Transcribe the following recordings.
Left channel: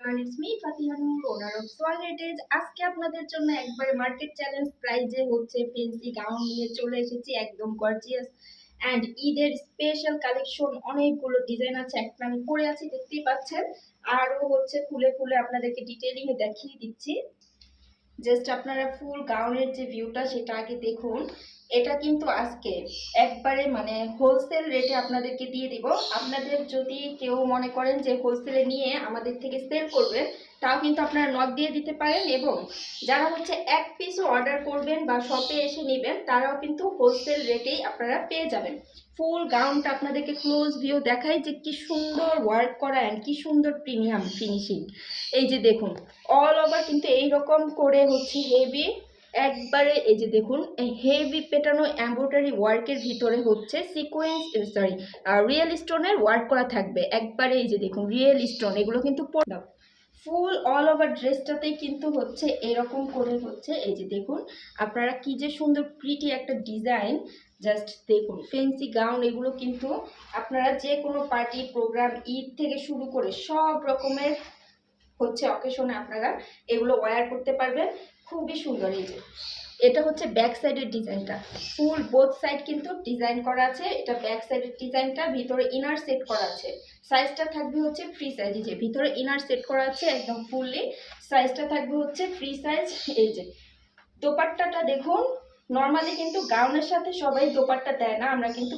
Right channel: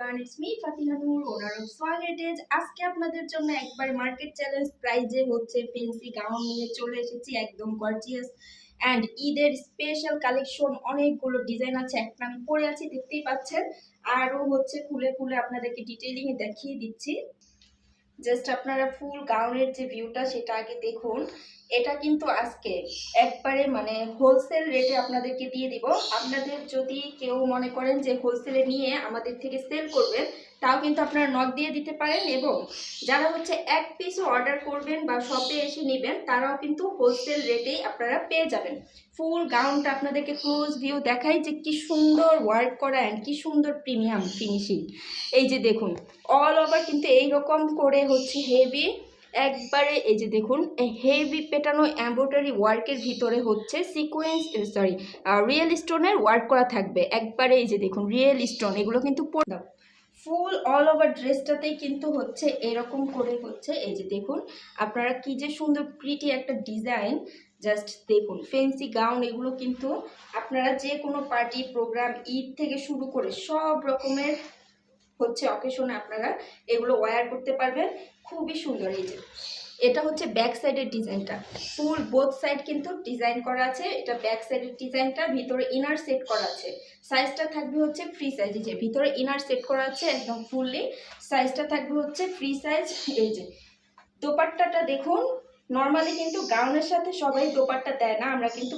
কারণ it's me Fatihanur owner of সোয়ালেটেজ আজকে আপনাদের জন্য একবার মার্কেট চ্যালেঞ্জ প্রাইজে হচ্ছে ফেন্সি গাউন নিয়ে চলে এসেছি, একদম গর্জিয়াস অ্যান্ড ঈদের স্পেশাল কালেকশন অনেকগুলো ডিজাইন আছে, একটা আমি পরে আছি, দেখতেই পাচ্ছেন। আরও হচ্ছে খুলে খুলে আপনাদেরকে ডিটেলিংয়ে দেখিয়ে দিচ্ছি। জাস্ট আপনারা ফুল গাউনের যে ভিউটা সেটা আগে দেখুন। এটা কিন্তু আজকে একবারে মানে হোলসেল রেটে আপনাদেরকে দিয়ে দিব। আপনাদের যদি কেউ মনে করেন যে হোলসেলে নিয়ে আমাদের থেকে সেল করবেন তাও কিন্তু আপনারা নক দিয়ে দিতে পারেন এবং যারা হচ্ছে এক পিসও অর্ডার করবেন বা শপে এসে নেবেন, তারাও কিন্তু হোলসেল রেটেই আপনারা পেয়ে যাবেন। ফুল গাউনটা আপনাদেরকে ক্লোজ ভিউ দেখাই যে কি সুন্দর ওয়ার্ক করা অ্যান্ড কি সুন্দর প্রিমিয়াম ফিনিশিং এই যে দেখুন অল ওভার কিন্তু এইরকম করে হচ্ছে হেভি একবারে এই যে দেখুন হেভি পেটানো এম্ব্রয়ডারি ওয়ার্কের ভিতরে হচ্ছে সিকোয়েন্স সরি রিয়েল স্টোনের ওয়ার্ক করা থাকবে। একবারে এই যে দেখুন রিয়েল স্টোন এগুলো কিন্তু ফুল অল ওভার ড্রেসটাতেই কিন্তু হচ্ছে এরকম করে হচ্ছে, এই যে দেখুন, আপনারা কি যে সুন্দর প্রিটি একটা ডিজাইন জাস্ট দেখুন ফেন্সি গাউন এগুলো কিন্তু আপনারা যে কোনো পার্টি প্রোগ্রাম ঈদ থেকে শুরু করে সব রকমের হচ্ছে অকেশনে আপনারা এগুলো ওয়্যার করতে পারবেন। খুবই সুন্দর এই যে। এটা হচ্ছে ব্যাক সাইডের ডিজাইনটা ফুল বোথ সাইড কিন্তু ডিজাইন করা আছে। এটা ব্যাক সাইডের ডিজাইনটা ভিতরে ইনার সেট করা আছে। সাইজটা থাকবে হচ্ছে ফ্রি সাইজ যে। ভিতরে ইনার সেট করা আছে একদম ফুললি সাইজটা থাকবে হচ্ছে ফ্রি সাইজ এই যে। দোপাট্টাটা দেখুন নর্মালি কিন্তু গাউনের সাথে সবাই দোপাট্টা দেয় না, আমরা কিন্তু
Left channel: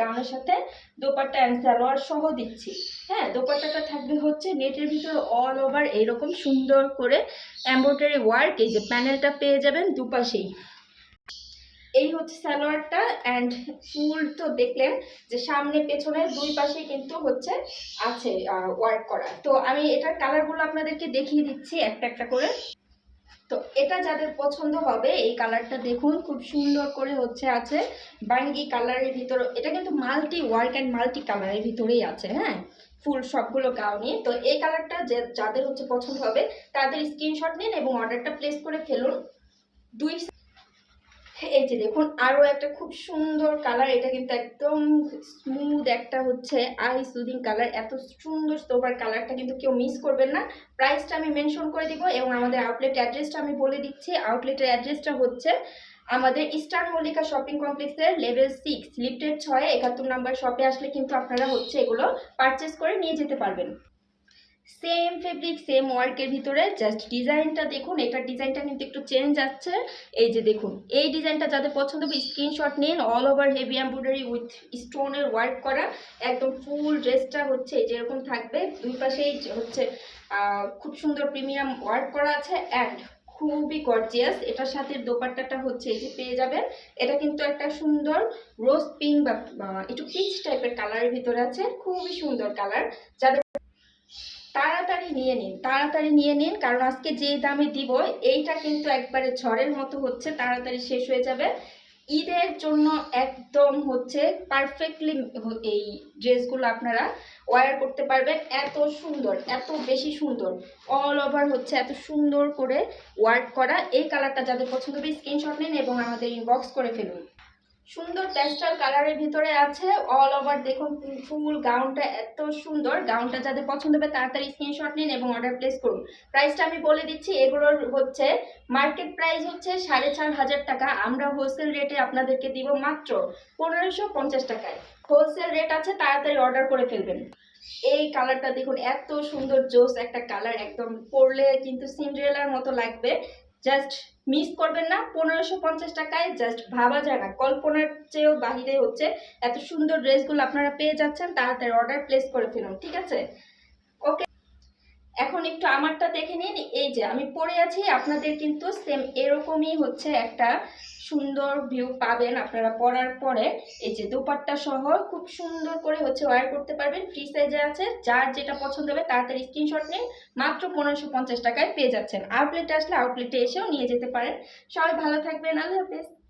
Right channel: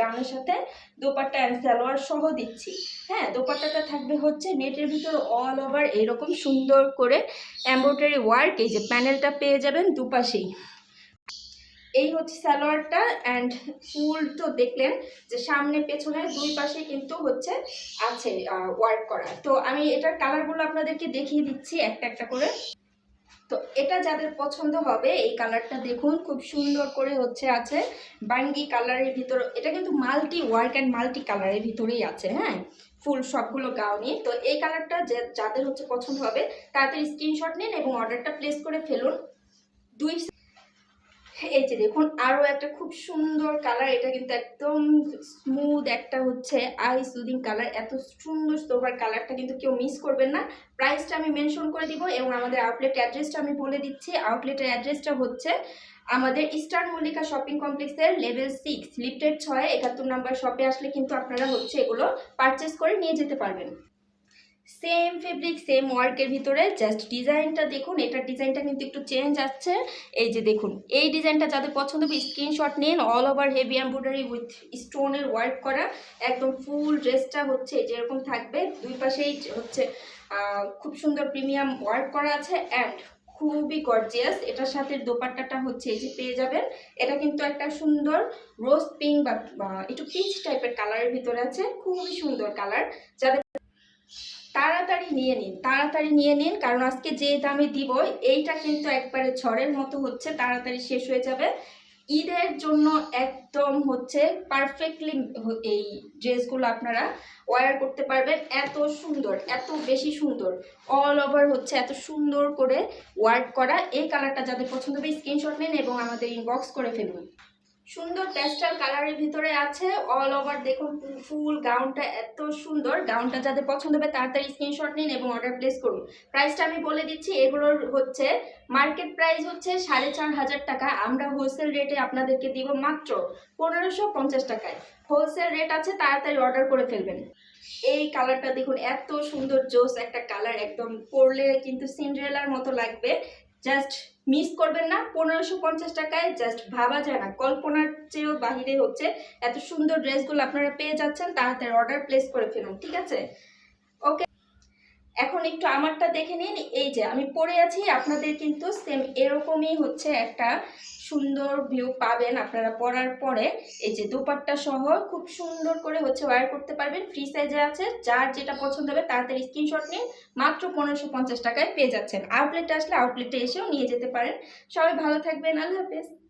গাউনের সাথে দোপাট্টা অ্যান্ড সালোয়ার সহ দিচ্ছি। হ্যাঁ দোপাট্টাটা থাকবে হচ্ছে নেটের ভিতরে অল ওভার এরকম সুন্দর করে এমব্রয়ডারি ওয়ার্ক এই যে প্যানেলটা পেয়ে যাবেন দুপাশেই। এই হচ্ছে সালোয়ারটা অ্যান্ড ফুল তো দেখলেন যে সামনে পেছনে দুই পাশে কিন্তু হচ্ছে আছে ওয়ার্ক করা। তো আমি এটার কালারগুলো আপনাদেরকে দেখিয়ে দিচ্ছি, একটা একটা করে। তো এটা যাদের পছন্দ হবে, এই কালারটা দেখুন, খুব সুন্দর করে হচ্ছে আছে। বাঙ্গি কালারের ভিতর, এটা কিন্তু মাল্টি ওয়ার্ক অ্যান্ড মাল্টি কালারের ভিতরেই আছে হ্যাঁ? ফুল সবগুলো গাউনি তো এই কালারটা যে, যাদের হচ্ছে পছন্দ হবে, তাদের স্ক্রিনশট নিন এবং অর্ডারটা প্লেস করে ফেলুন। দুই এই যে দেখুন আরও একটা খুব সুন্দর কালার এটা কিন্তু একদম স্মুথ একটা হচ্ছে আই সুদিং কালার এত সুন্দর সোভার কালারটা কিন্তু কেউ মিস করবেন না। প্রাইসটা আমি মেনশন করে দিব এবং আমাদের আউটলেট অ্যাড্রেসটা আমি বলে দিচ্ছি। আউটলেটের অ্যাড্রেসটা হচ্ছে আমাদের ইস্টার্ন মল্লিকা শপিং কমপ্লেক্সের লেভেল সিক্স লিফটেড ছয়, একাত্তর নাম্বার শপে আসলে কিন্তু আপনারা হচ্ছে এগুলো পারচেস করে নিয়ে যেতে পারবেন। সেম ফেব্রিক সেম ওয়ার্কের ভিতরে জাস্ট ডিজাইনটা দেখুন এটার ডিজাইনটা কিন্তু একটু চেঞ্জ আসছে। এই যে দেখুন, এই ডিজাইনটা যাদের পছন্দ হবে স্ক্রিনশট নিন all over heavy embroidery with স্টোনের ওয়ার্ক করা। একদম ফুল ড্রেসটা হচ্ছে যেরকম থাকবে। দুই পাশেই হচ্ছে খুব সুন্দর প্রিমিয়াম ওয়ার্ক করা আছে অ্যান্ড খুবই গর্জিয়াস এটার সাথে দোপাট্টাটা হচ্ছে এই যে পেয়ে যাবেন। এটা কিন্তু একটা সুন্দর রোজ পিঙ্ক বা একটু পিচ টাইপের কালারের ভিতরে আছে। খুবই সুন্দর কালার যাদের তাড়াতাড়ি নিয়ে নিন, তাড়াতাড়ি নিয়ে নিন, কারণ আজকে যে দামে দিব, এইটা কিন্তু একবারে ঝড়ের মতো হচ্ছে, তাড়াতাড়ি শেষ হয়ে যাবে। ঈদের জন্য একদম হচ্ছে পারফেক্টলি এই ড্রেসগুলো আপনারা ওয়ার করতে পারবেন, এত সুন্দর, এত বেশি সুন্দর অল ওভার হচ্ছে এত সুন্দর করে ওয়ার্ক করা। এই কালারটা যাদের পছন্দ হবে স্ক্রিনশট নিন এবং আমাদের ইনবক্স করে ফেলুন। সুন্দর প্যাস্টাল কালারের ভিতরে আছে অল ওভার দেখুন, ফুল গাউনটা এত সুন্দর। গাউনটা যাদের পছন্দ হবে তাড়াতাড়ি স্ক্রিনশট নিন এবং অর্ডার প্লেস করুন। প্রাইসটা আমি বলে দিচ্ছি, এগুলোর হচ্ছে মার্কেট প্রাইস হচ্ছে সাড়ে চার হাজার টাকা। আমরা হোলসেল রেটে আপনাদেরকে দিব মাত্র পনেরোশো পঞ্চাশ টাকায়। হোলসেল রেট আছে, তাড়াতাড়ি অর্ডার করে ফেলবেন। এই কালারটা দেখুন, এত সুন্দর, জোস একটা কালার একদম পরলে কিন্তু সিন্ড্রেলার মতো লাগবে। জাস্ট মিস করবেন না। পনেরোশো পঞ্চাশ টাকায় জাস্ট ভাবা যায় না। কল্পনার চেয়েও বাহিরে হচ্ছে এত সুন্দর ড্রেসগুলো আপনারা পেয়ে যাচ্ছেন, তাড়াতাড়ি অর্ডার প্লেস করে ফেলুন, ঠিক আছে? এখন একটু আমারটা দেখে নিন। এই যে, আমি পরে আছি, আপনাদের কিন্তু সেম এরকমই হচ্ছে একটা সুন্দর ভিউ পাবেন আপনারা পরার পরে। এই যে, দুপাট্টা সহ খুব সুন্দর করে হচ্ছে ওয়ার করতে পারবেন। ফ্রি সাইজে আছে, যার যেটা পছন্দ হবে তাড়াতাড়ি স্ক্রিনশট নিন। মাত্র পনেরোশো পঞ্চাশ টাকায় পেয়ে যাচ্ছেন। আউটলেটে আসলে আউটলেটে এসেও নিয়ে যেতে পারেন। সবাই ভালো থাকবেন, আল্লাহ হাফেজ।